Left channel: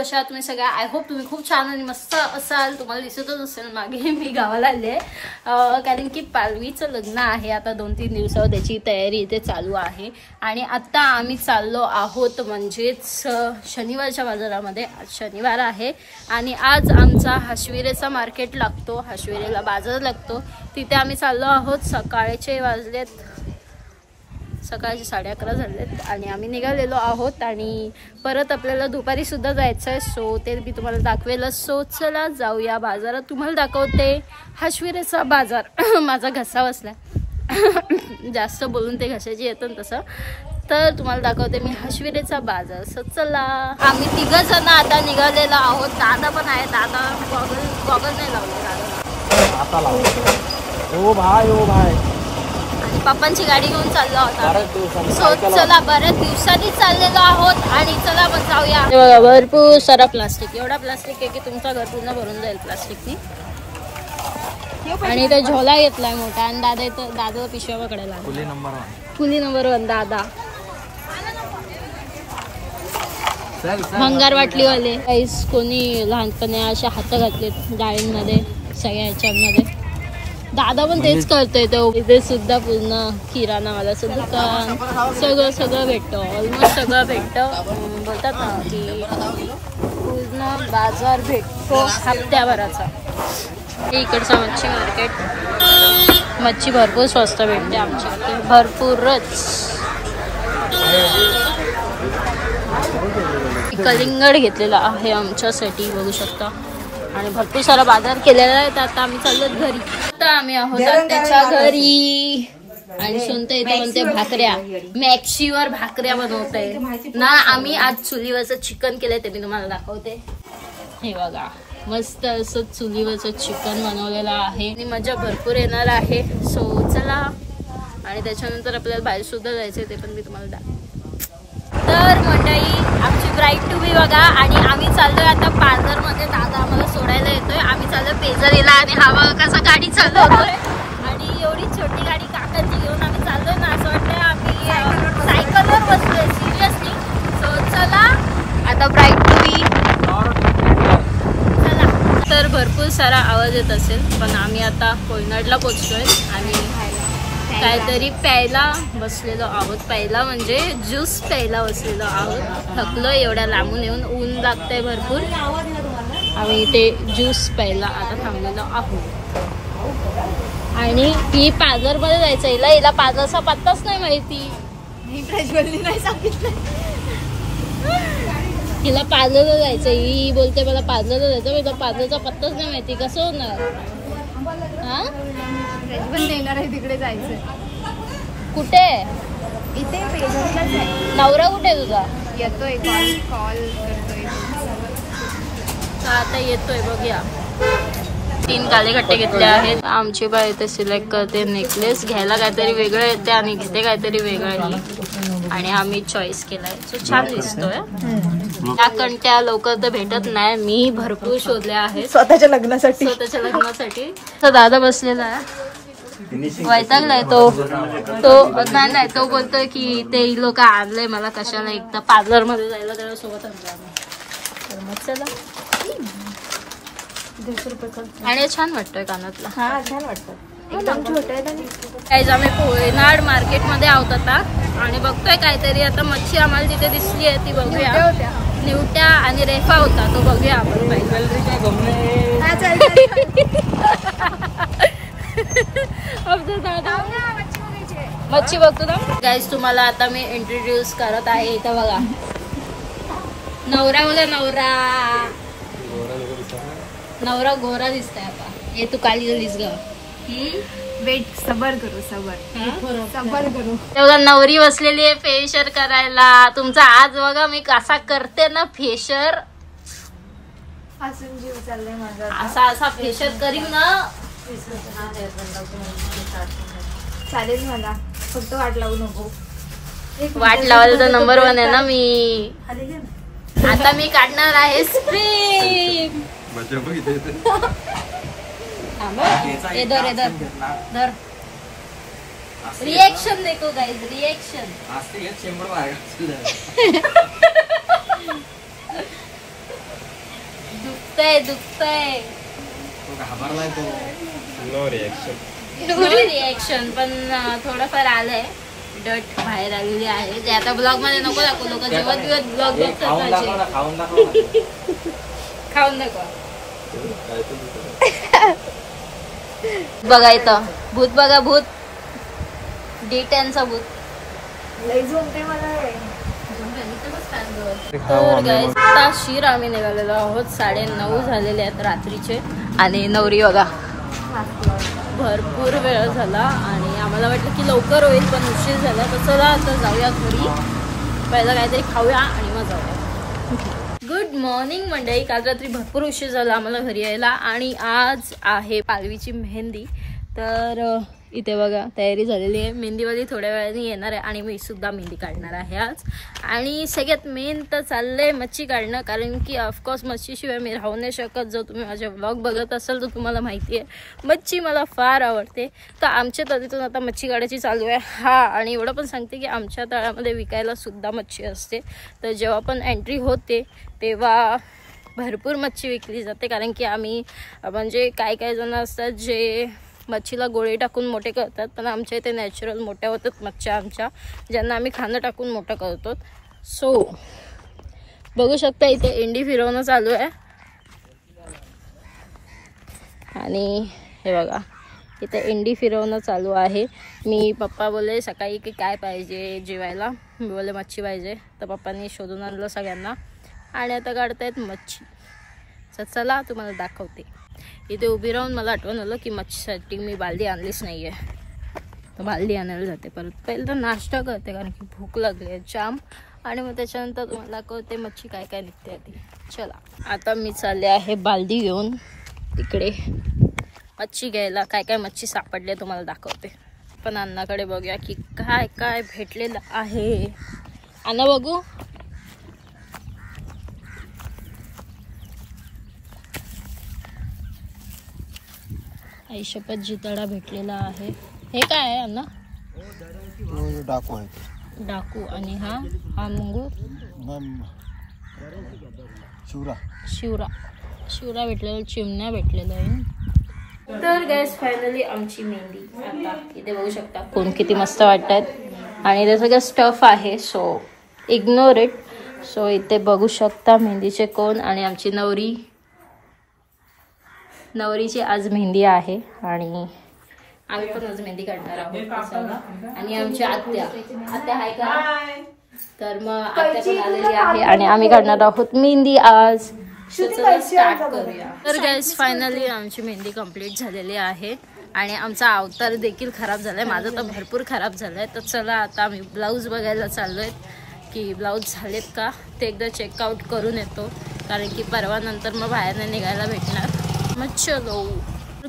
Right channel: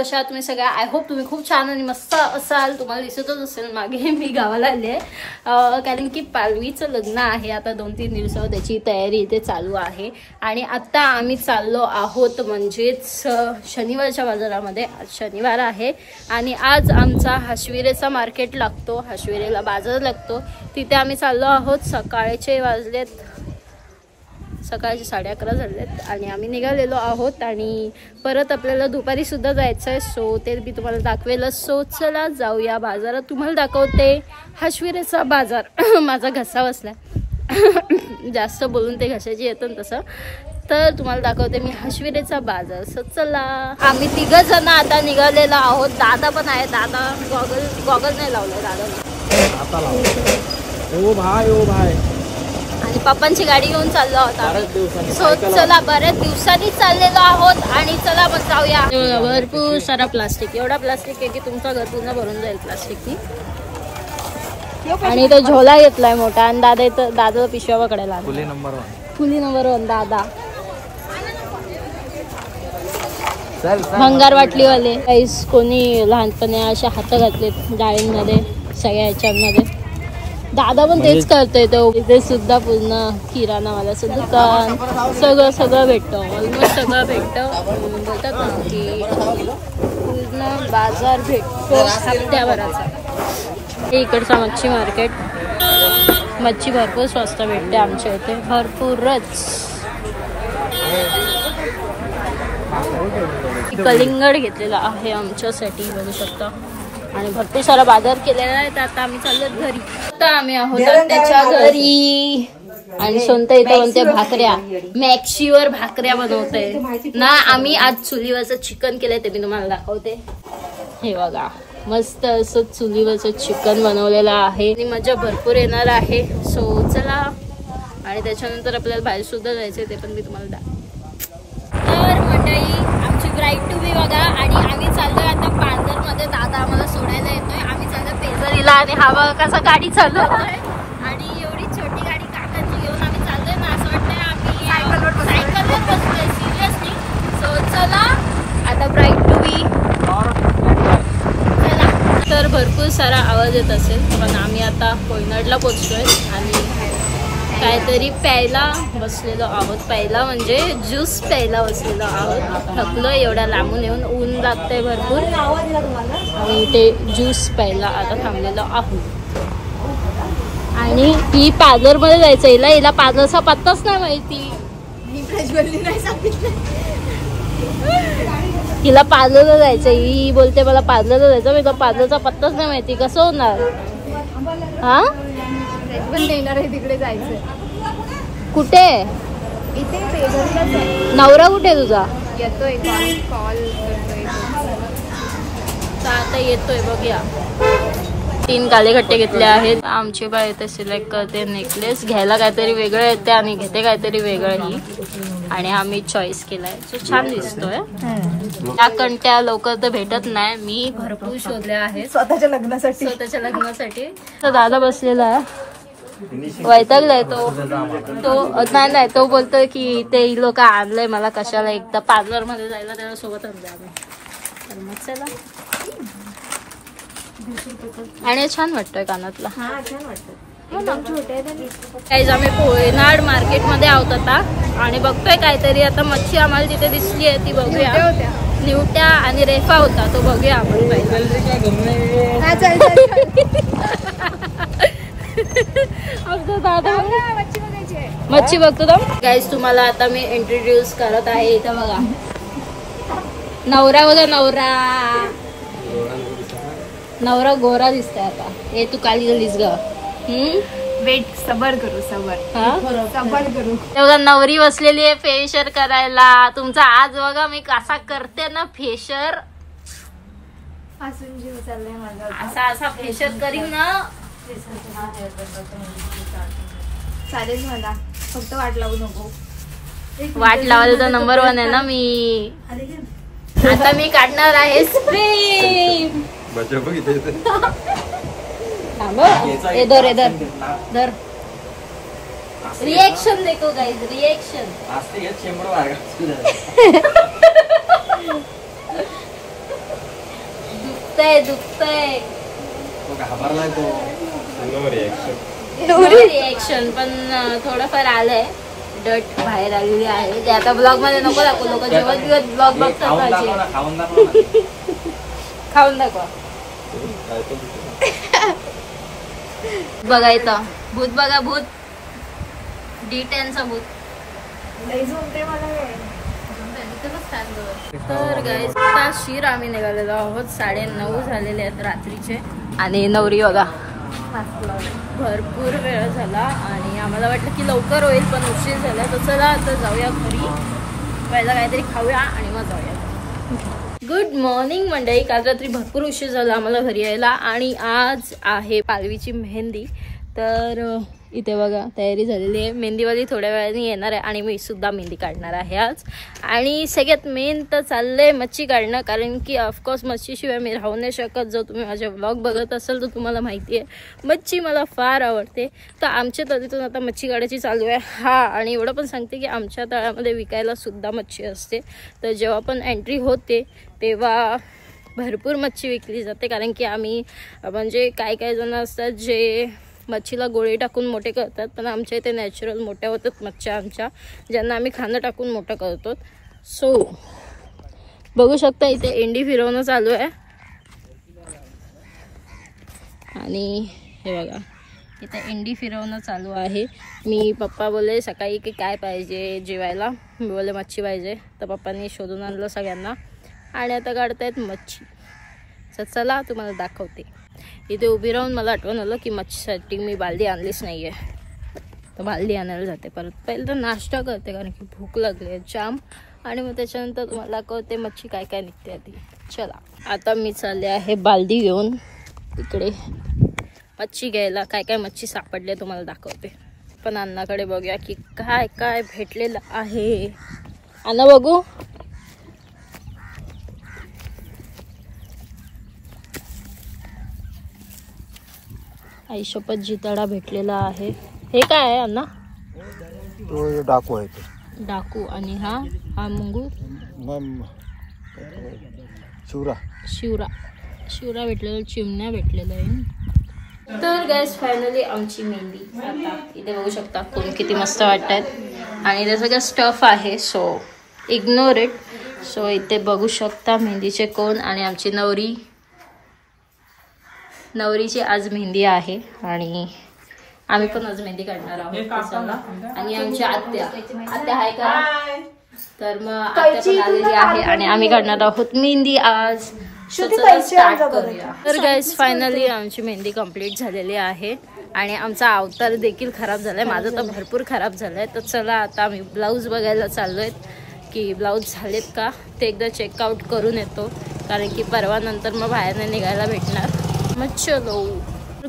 कशा आहात तुम्ही सगळ्या? आय होप तुम्ही खूप छान आणि मस्त असाल. तुम्हाला दिसतच असेल मागे मी गावाला आले कारण की पालवीचं लग्न आहे. आता 2-3 दिवसावर त्याची तयारी इथे चालू आहे. आणि आता आम्ही चाललो आहोत म्हणजेच शनिवारच्या बाजारामध्ये. आज शनिवार आहे आणि आज आमचा हाशविरेचा मार्केट लागतो, हाशविरेला बाजार लागतो. तिथे आम्ही चाललो आहोत. सकाळचे 11:30 झालेत आणि आम्ही निघालेलो आहोत. आणि परत आपल्याला दुपारी सुद्धा जायचं आहे. सो ते मी तुम्हाला दाखवेलच. सो चला जाऊया बाजारात. तुम्हाला दाखवते हाशविरेचा बाजार. माझा घसा बसला जास्त बोलून ते घशाची येतं तसं. तर तुम्हाला दाखवते मी हाशविरेचा बाजार. सो चला. आम्ही 3 जण आता निघालेलो आहोत. दादा पण आहे. दादा गॉगल नाही लावलाय दादा आता लावला. ओ भाई आणि पप्पांची गाडी घेऊन चाललो आहोत. सो चला बऱ्याच दिवसांनी चाललेलो आहोत आणि चला मग जाऊया. भरपूर सारा प्लास्टिक, एवढा प्लास्टिक आहे की तुमचं घर पूर्ण भरून जाईल प्लास्टिकनी. आणि तो झोला घेतलाय मोठा आणि दादा पिशव्या पकडायला. फुली नंबर 1 दादा. भंगार वाटलीवाले काहीच कोणी लहानपणी असे हात घातलेत डाळींमध्ये सगळ्या ह्याच्यामध्ये. दादा पण तेच करतोय. तो इथे सुद्धा पूर्ण किराणावाला दुकान सगळं भेटतं. ऑलमोस्ट सगळं भेटतं. बोलतात ना की पूर्ण बाजार भेटतो हप्त्याभराचा. हे इकडचा मच्छी मार्केट. मच्छी भरपूर स्वस्त भेटते आमच्या इथे, भरपूरच. कलिंगड घेतलेला आहे आमच्यासाठी बघू शकता. आणि भरपूर सारा बाजार केलेला आहे. तर आता आम्ही चाललोत घरी. आता आम्ही आहोत त्याच्या घरी. आणि सोनता इथे कोणत्या भाकऱ्या, मॅक्सीवर भाकऱ्या बनवतोय ना. आम्ही आज चुलीवरचं चिकन केलंय ते मी तुम्हाला दाखवते. हे बघा मस्त असं चुलीवरचं चिकन बनवलेलं आहे आणि मजा भरपूर येणार आहे. सो चला. आणि त्याच्यानंतर आपल्याला बाहेर सुद्धा जायचंय ते पण मी तुम्हाला तर मंडळी आमची ब्राईड टू बी बघा. आणि आम्ही चाललोय आता पार्लरमध्ये. दादा आम्हाला सोडायला येतोय. आम्ही चाललोय पेजरीला आणि हा बघा कसा गाडी चालवतोय. आणि एवढी छोटी गाडी काकाची घेऊन आम्ही चाललोय ना, असं वाटतंय आम्ही सायकलवर बसलोय सिरियसली. सो चला आता ब्राईड टू बी. चला. तर भरपूर सारा आवाज येत असेल पण आम्ही आता कोयनाडला पोहोचतोय आणि काहीतरी प्यायला बसलेलो आहोत. प्यायला म्हणजे ज्यूस प्यायला बसलेलो आहोत. थकलोय एवढ्या लांबून येऊन, ऊन लागतंय भरपूर. आम्ही ते ज्यूस प्यायला आता थांबलेलो आहोत. आणि ही पार्लरमध्ये जायचं. हिला पार्लरचा पत्ताच नाही माहिती. तिला पार्लरला जायचं. ही बोलते मला पार्लरला जायचं. मी पार्लरचा पत्ताच नाही माहिती. कसं होणार? हा पण देणार आहे तिकडे जायचंय. कुठे? इथे पेजरीलाच आहे. नवरा कुठे तुझा? येतोय. कॉल करतोय. तर आता येतोय बघूया. 3 कालेखट्टे घेतले आहेत. आमची बाई इथे सिलेक्ट करते नेकलेस. घ्यायला काहीतरी वेगळं येते आणि घेते काहीतरी वेगळं ही. आणि आम्ही चॉईस केलाय. सो छान दिसतोय. त्या कंट्या लवकर तर भेटत नाही. मी भरपूर शोधल्या आहेत स्वतःच्या लग्नासाठी. तर दादा बसलेला आहे. वैतागलाय तो नाही. तो बोलतोय की ते लोक आणलंय मला कशाला, एकदा पार्लर मध्ये जायला त्याला सोबत आणलं आम्ही. तर मग चला. आणि छान वाटतोय कानातला. हा छान वाटतं. छोटे काहीच. आम्ही कोयनाड मार्केट मध्ये आहोत आता आणि बघतोय काहीतरी. आता मच्छी आम्हाला तिथे दिसली आहे ती बघूया. निवट्या आणि रेफा होता तो बघूया आपण दादा मच्छी बघतो का गाईज. तुम्हाला आता मी इंट्रोड्यूस करत आहे. इथं बघा नवरा बघा. नवरा गोरा दिसतोय आता. हे तू काली झालीस ग. वेट सबर करू. बघा नवरी बसलेली आहे फेशियल करायला. तुमचा आज बघा मी कसा करते ना फेशियल. हसून जीव चाललाय माझा. असा फेशियल करीन ना. चालेल मला, फक्त वाट लावू नको. वाट लावायला तर नंबर 1 आहे ना मी. आता मी काढणार आहे स्प्रे. इधर रिएक्शन देखो गाइस, रिएक्शन. दुखतंय दुखतंय. घाबरलाय तो. नो रिएक्शन पण थोडंफार आलंय. डट बाहेर आलेली आहे. ते आता ब्लॉग मध्ये नको दाखवू. लोक जेवत जेवत ब्लॉग बघतात माझे. खाऊन दाखवा. बघा इथं भूत बघा भूत. D10चा भूत. लई झोमते मला. तर गाईज आता शिर आम्ही निघालेलो आहोत. 9:30 झालेले आहेत रात्रीचे. आणि नवरी बघा भरपूर वेळ झाला आणि आम्हाला वाटलं की लवकर होईल पण उशीर झाला. तर चला आता जाऊया घरी. पहिला काहीतरी खाऊया आणि मग जाऊया. गुड मॉर्निंग मंडळी. काल रात्री भरपूर उशीर झाला आम्हाला घरी यायला आणि आज आहे पालवीची मेहंदी. तर इथे बघा तयारी झालेली आहे. मेहंदीवाली थोड्या वेळाने येणार आहे आणि मी सुद्धा मेहंदी काढणार आहे आज. आणि सगळ्यात मेन तर चाललंय मच्छी काढणं. कारण की ऑफकोर्स मच्छीशिवाय मी राहू नाही शकत. जर तुम्ही माझे व्लॉग बघत असाल तर तुम्हाला माहिती आहे मच्छी मला फार आवडते. तर आमच्या तळीतून आता मच्छी काढायची चालू आहे. हा आणि एवढं पण सांगते की आमच्या तळ्यामध्ये विकायला सुद्धा मच्छी असते. तर जेव्हा पण एंट्री होते तेव्हा भरपूर मच्छी विकली जाते. कारण की आम्ही म्हणजे काय जण असतात जे मच्छीला गोळी टाकून मोठे करतात. पण आमच्या इथे नॅचरल मोठ्या होतात मच्छ्या आमच्या, ज्यांना आम्ही खाणं टाकून मोठं करतो. सो बघू शकता इथे एंडी फिरवणं चालू आहे. आणि हे बघा इथे एंडी फिरवणं चालू आहे. मी पप्पा बोलले सकाळी की काय पाहिजे जेवायला. मी बोलले मच्छी पाहिजे. तर पप्पांनी शोधून आणलं सगळ्यांना आणि आता काढतायत मच्छी. तर चला तुम्हाला दाखवते. इथे उभी राहून मला आठवण आलं की मच्छीसाठी मी बालदी आणलीच नाही आहे. तर बालदी आणायला जाते परत. पहिलं तर नाश्ता करते कारण की भूक लागली आहे जाम. आणि मग त्याच्यानंतर तुम्हाला कळते मच्छी काय काय निघते ती. चला आता मी चालले आहे बालदी घेऊन इकडे मच्छी घ्यायला. काय काय मच्छी सापडले तुम्हाला दाखवते. पण अण्णाकडे बघूया की काय काय भेटलेलं आहे. अण्णा बघू. आई शपथ जिताडा भेटलेला आहे. हे काय आहे अण्णा. डाकू आहे. डाकू. आणि हा मंगूळ शिवरा भेटलेला. चिमण्या भेटलेला आहे. तर गॅस फायनली आमची मेहंदी आता इथे बघू शकता. कोण किती मस्त वाटतात आणि ते सगळं स्टफ आहे. So ignore it. सो इथे बघू शकता मेहंदीचे कोण. आणि आमची नवरीची आज मेहंदी आहे आणि आम्ही पण आज मेहंदी काढणार आहोत. आणि आमची आत्या आहे का. तर मग आत्या पण आलेली आहे आणि आम्ही काढणार आहोत मेहंदी आज. स्टार्ट करूया. तर गाईज फायनली आमची मेहंदी कंप्लीट झालेली आहे आणि आमचा अवतार देखील खराब झालाय. माझं तर भरपूर खराब झालंय. तर चला आता आम्ही ब्लाऊज बघायला चाललोय की ब्लाऊज झालेत का ते एकदा चेकआउट करून येतो. कारण की परवा नंतर मग बाहेर नाही निघायला भेटणार. मग चलो.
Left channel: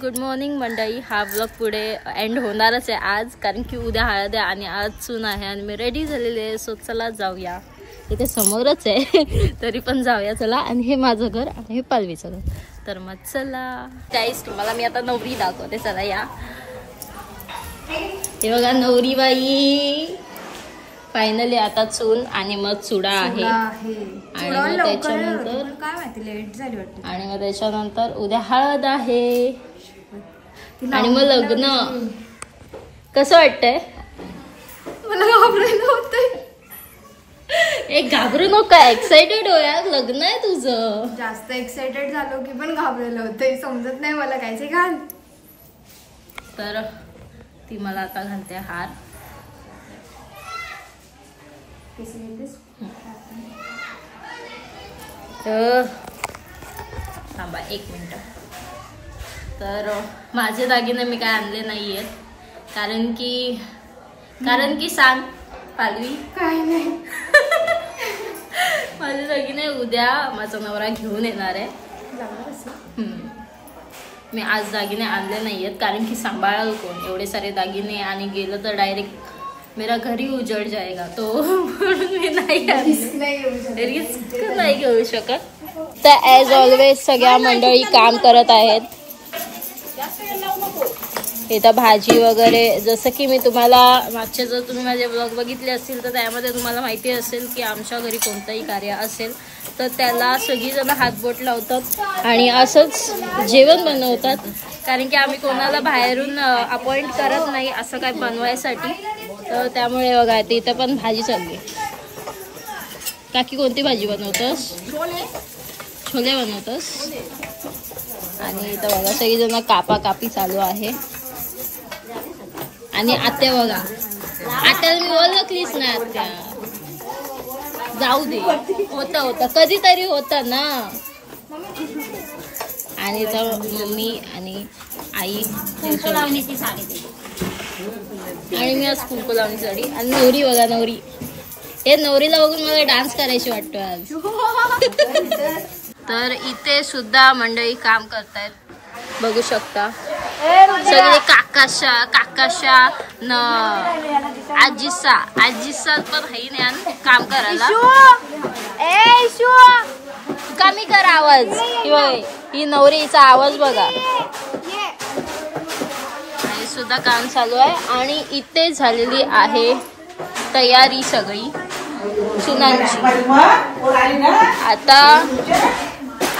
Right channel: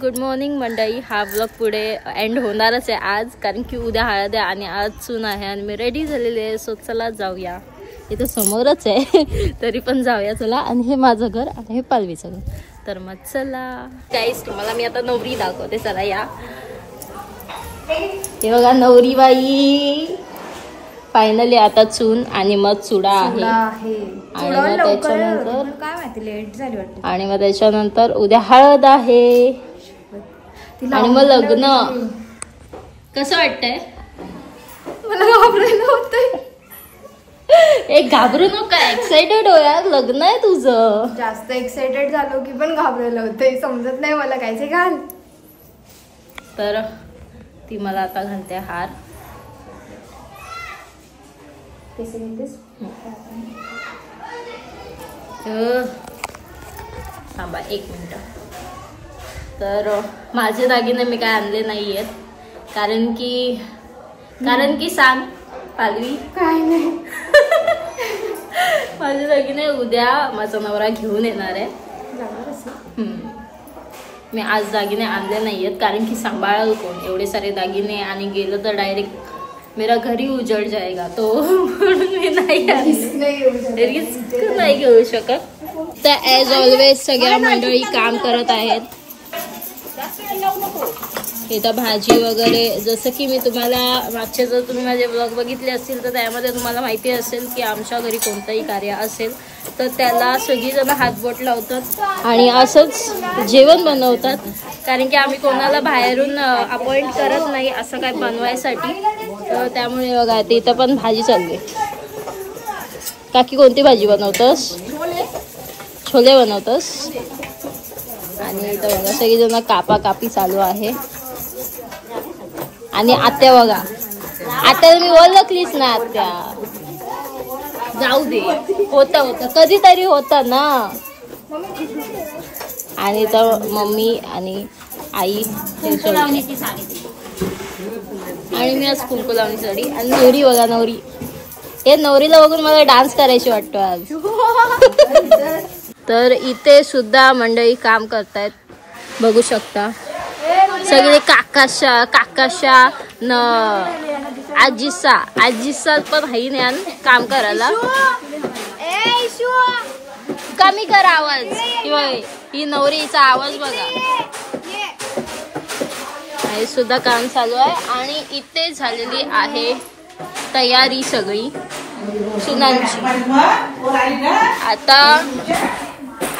गुड मॉर्निंग मंडळी. हा ब्लॉग पुढे एंड होणारच आहे आज. कारण की उद्या हळद आहे आणि आज सून आहे आणि मी रेडी झालेली आहे. सो चला जाऊया. इथे समोरच आहे तरी पण जाऊया चला. आणि हे माझं घर आणि हे पालवीचं घर. तर मग चला गाईस तुम्हाला मी आता नवरी दाखवते. चला या. हे बघा नवरी बाई. फायनली आता चूल आणि मग चुडा आहे. आणि मग त्याच्यानंतर काय माहिती लेट झाली वाटतं. आणि मग त्याच्यानंतर उद्या हळद आहे आणि मग लग्न. कसं वाटतंय. मला घाबरायला होतंय. एक घाबरू नका. एक्साइटेड हो यार. लग्न आहे तुझं. जास्त एक्साइटेड झालो की पण घाबरायला होतंय. समजत नाही मला कायचे घाल. तर ती मला आता घालते हार. थांबा 1 मिनिट. तर माझे दागिने मी काय आणले नाही आहेत. कारण की सांग पालवी. काय नाही. माझे दागिने उद्या माझा नवरा घेऊन येणार आहे. मी आज दागिने आणले नाही आहेत कारण की सांभाळाल कोण एवढे सारे दागिने. आणि गेलं तर डायरेक्ट मेरा घरी उजड़ जाएगा. तो म्हणून मी नाही रिस्क नाही घेऊ शकत. तर ॲज ऑलवेज सगळ्या मंडळी काम करत आहेत. इथं भाजी वगैरे, जसं की मी तुम्हाला मागचे जर तुम्ही माझे ब्लॉग बघितले असतील तर त्यामध्ये तुम्हाला माहिती असेल की आमच्या घरी कोणतंही कार्य असेल तर त्याला सगळीजण हातबोट लावतात आणि असंच जेवण बनवतात, कारण की आम्ही कोणाला बाहेरून अपॉइंट करत नाही असं काय बनवायसाठी. तर त्यामुळे बघा इथं पण भाजी चालली. काकी कोणती भाजी बनवतोस? छोले बनवतोस. आणि इथं बघा सगळीजण कापाकापी चालू आहे. आणि आत्या बघा, आत्या मी ओळखलीच ना आत्या. जाऊ दे, होतं कधीतरी होतं ना. आणि इथं मम्मी आणि आई आणि मी आज कुंकू लावणी साडी. आणि नवरी बघा, नवरी. हे नवरीला बघून मला डान्स करायची वाटतो आज. तर इथे सुद्धा मंडळी काम करतायत, बघू शकता. सगळे काकाशा न आजीसा पण हाई ज्ञान काम करायला. कमी कर आवाज. ही नवरीचा आवाज बघा. हे सुद्धा काम चालू आहे. आणि इथे झालेली आहे तयारी सगळी सुनांची. आता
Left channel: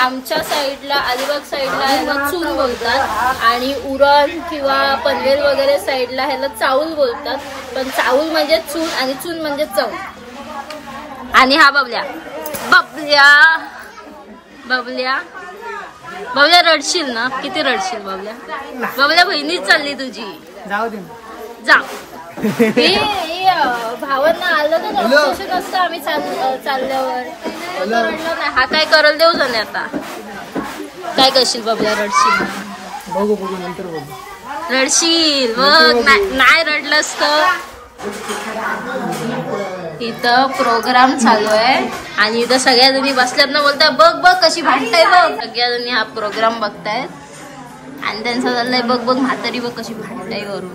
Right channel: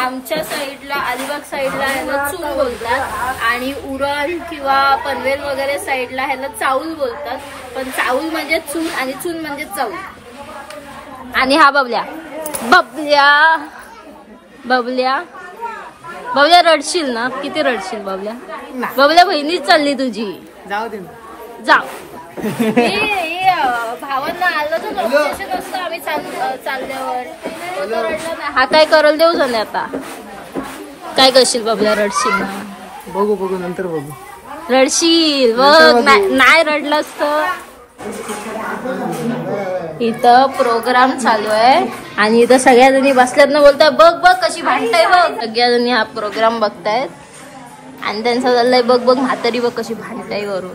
आमच्या साईडला, अलिबाग साईडला ह्याला चून बोलतात आणि उरण किंवा पनवेल वगैरे साईडला ह्याला चाऊल बोलतात. पण चाऊल म्हणजे चून आणि चून म्हणजे चाऊल. आणि हा बबल्या रडशील ना? किती रडशील बबल्या? बबल्या बहिणीच चालली तुझी. जाऊ दे, जाऊ. भावांना आलं तर ऑब्सेशन असतं आम्ही चालल्यावर. हा काय करल देऊ जाणे. आता काय करशील बबल्या? रडशील? बघू नंतर बघू. रडशील बघ. नाही रडलंस तर. इथं प्रोग्राम चालू आहे आणि इथं सगळ्या जणी बसल्यात ना, बोलताय बघ कशी भांडताय बघ. सगळ्या जणी हा प्रोग्राम बघतायत आणि त्यांचं चाललंय बघ म्हातारी बघ कशी भांडताय वरून.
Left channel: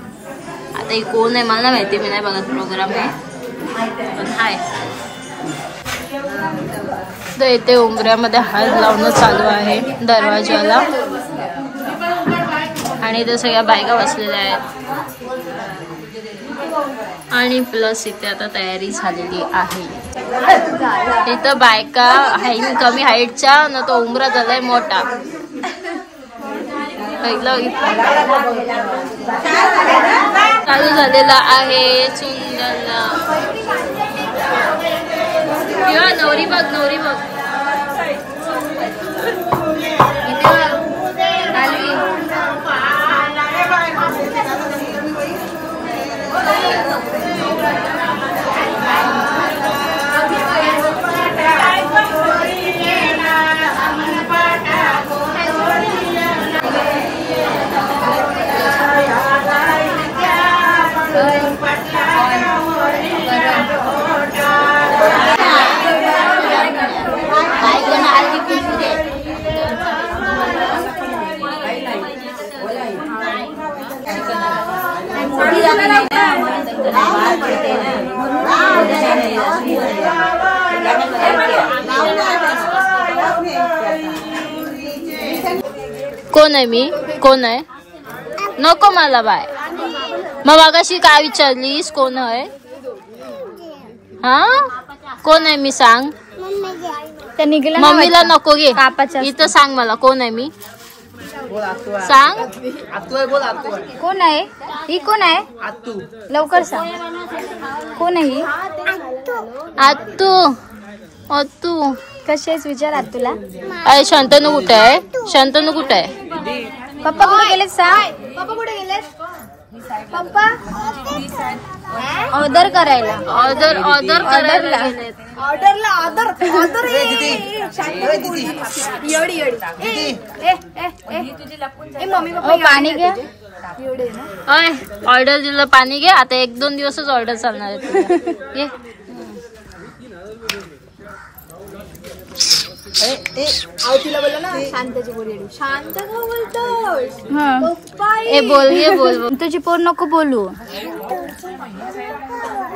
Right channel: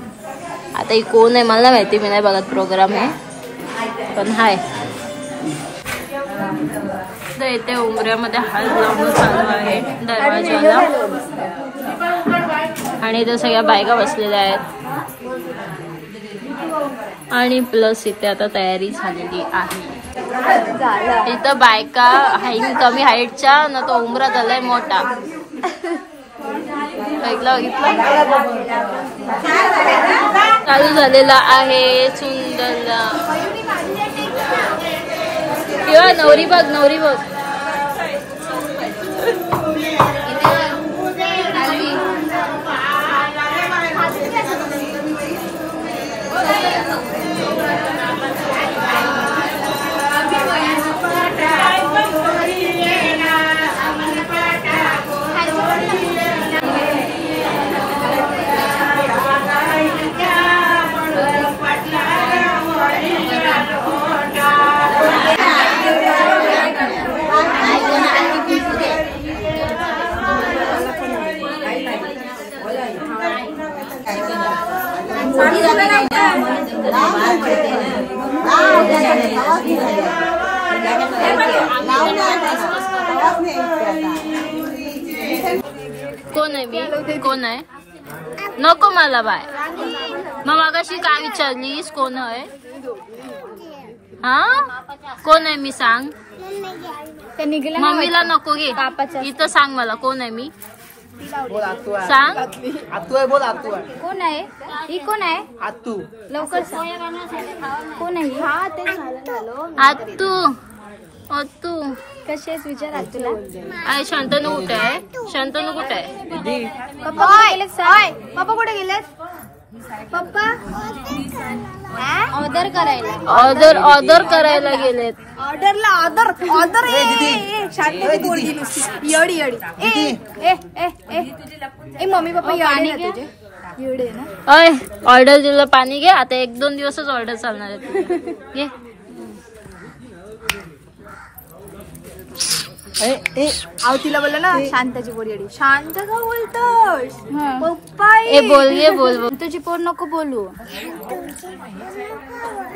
आता ही कोण आहे मला माहिती, मी नाही बघत प्रोग्राम आहे पण हाय. तर इथे उंबऱ्यामध्ये हळद लावणं चालू आहे दरवाजाला. आणि इथे सगळ्या बायका बसलेल्या आहेत. आणि प्लस इथे आता तयारी झालेली आहे. इथं बायका कमी हाईटच्या ना, तो उंबरा झालाय मोठा. बघितलं चालू झालेला आहे सुंदरला. किंवा नवरी बघ. कोण आहे मी? कोण आहे? नको मला बाय. मग मागाशी काय विचारलीस? कोण आहे? हा कोण आहे मी? सांग. मम्मीला नको घे. इथं सांग मला कोण आहे मी? सांग. कोण आहे ही? कोण आहे? लवकर सांग. कोण आहे ही? आत्तू. कशाच विचार आत्तूला? अरे शांतनू कुठे आहे? शांतनू कुठे आहे? पप्पा कुठे गेलेत? सांग. पप्पा कुठे गेलेत? पप्पा ऑर्डर करायला गेलेत. ऑर्डर एवढी मम्मी पप्पा एवढे ना. ऑर्डर दिलं पाणी घे. आता 1-2 दिवसच ऑर्डर चालणार आहे तुझ्या. घे. तिला बोललं ना शांताची पोरी. शांत का बोलतोस? बोल. तुझी पोर नको बोलू.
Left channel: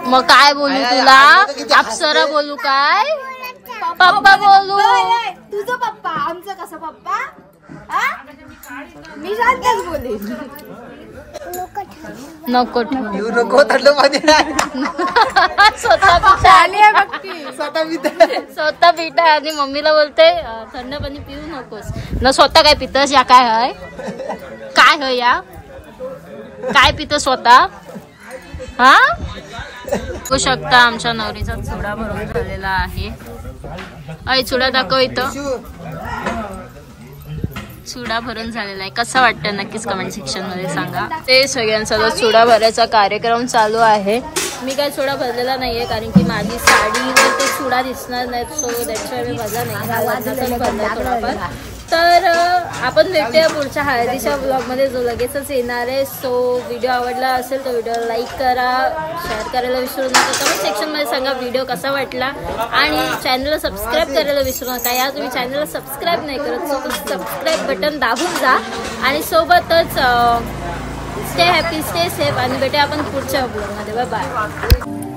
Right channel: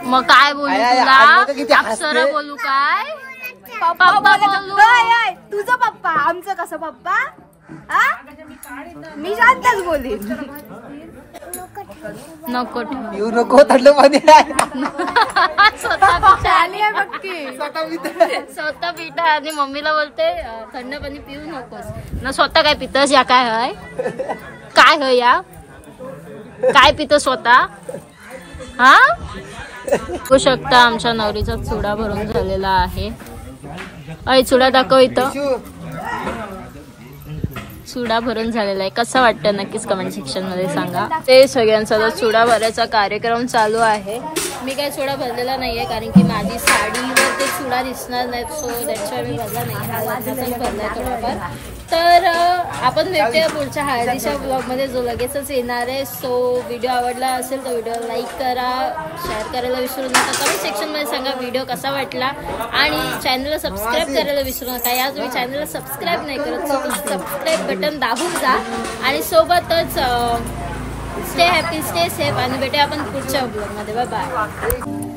मग काय बोलू तुला? अप्सरा बोलू काय? पप्पा बोलू. तुझं पप्पा. आमचं कसं पप्पा? मी शांतच बोलेन. नको ठेवू. येऊ नको थंड पाणी स्वतः पिता आली आहे बघ ती. स्वतः पिता आणि मम्मीला बोलते थंड पाणी पिऊ नकोस न स्वतः काय पितस या काय हय काय हय या काय पितं स्वतः हा. बघू शकता आमच्या नवरीचा चुडा भरून झालेला आहे. आई चुडा दाखव इथं. चुडा भरून झालेला आहे. कसं वाटतं नक्कीच कमेंट सेक्शन मध्ये सांगा. ते सगळ्यांचा चुडा भरायचा कार्यक्रम चालू आहे. मी काय चुडा भरलेला नाहीये कारण की माझी साडीवर ते चुडा दिसणार नाही. सो दॅट्स वाय मी भरला नाही. हा लग्नाचाच भरलाय थोडाफार. तर आपण भेटूया पुढच्या हळदीच्या ब्लॉगमध्ये जो लगेचच येणार आहे. सो व्हिडिओ आवडला असेल तर व्हिडिओला लाईक करा, शेअर करायला विसरू नका. कमेंट सेक्शनमध्ये सांगा व्हिडिओ कसा वाटला आणि चॅनलला सबस्क्राईब करायला विसरू नका. या तुम्ही चॅनलला सबस्क्राईब नाही करत सो सबस्क्राईब बटन दाबून जा आणि सोबतच स्टे हॅपी स्टे सेफ आणि भेटूया आपण पुढच्या ब्लॉगमध्ये. Bye bye.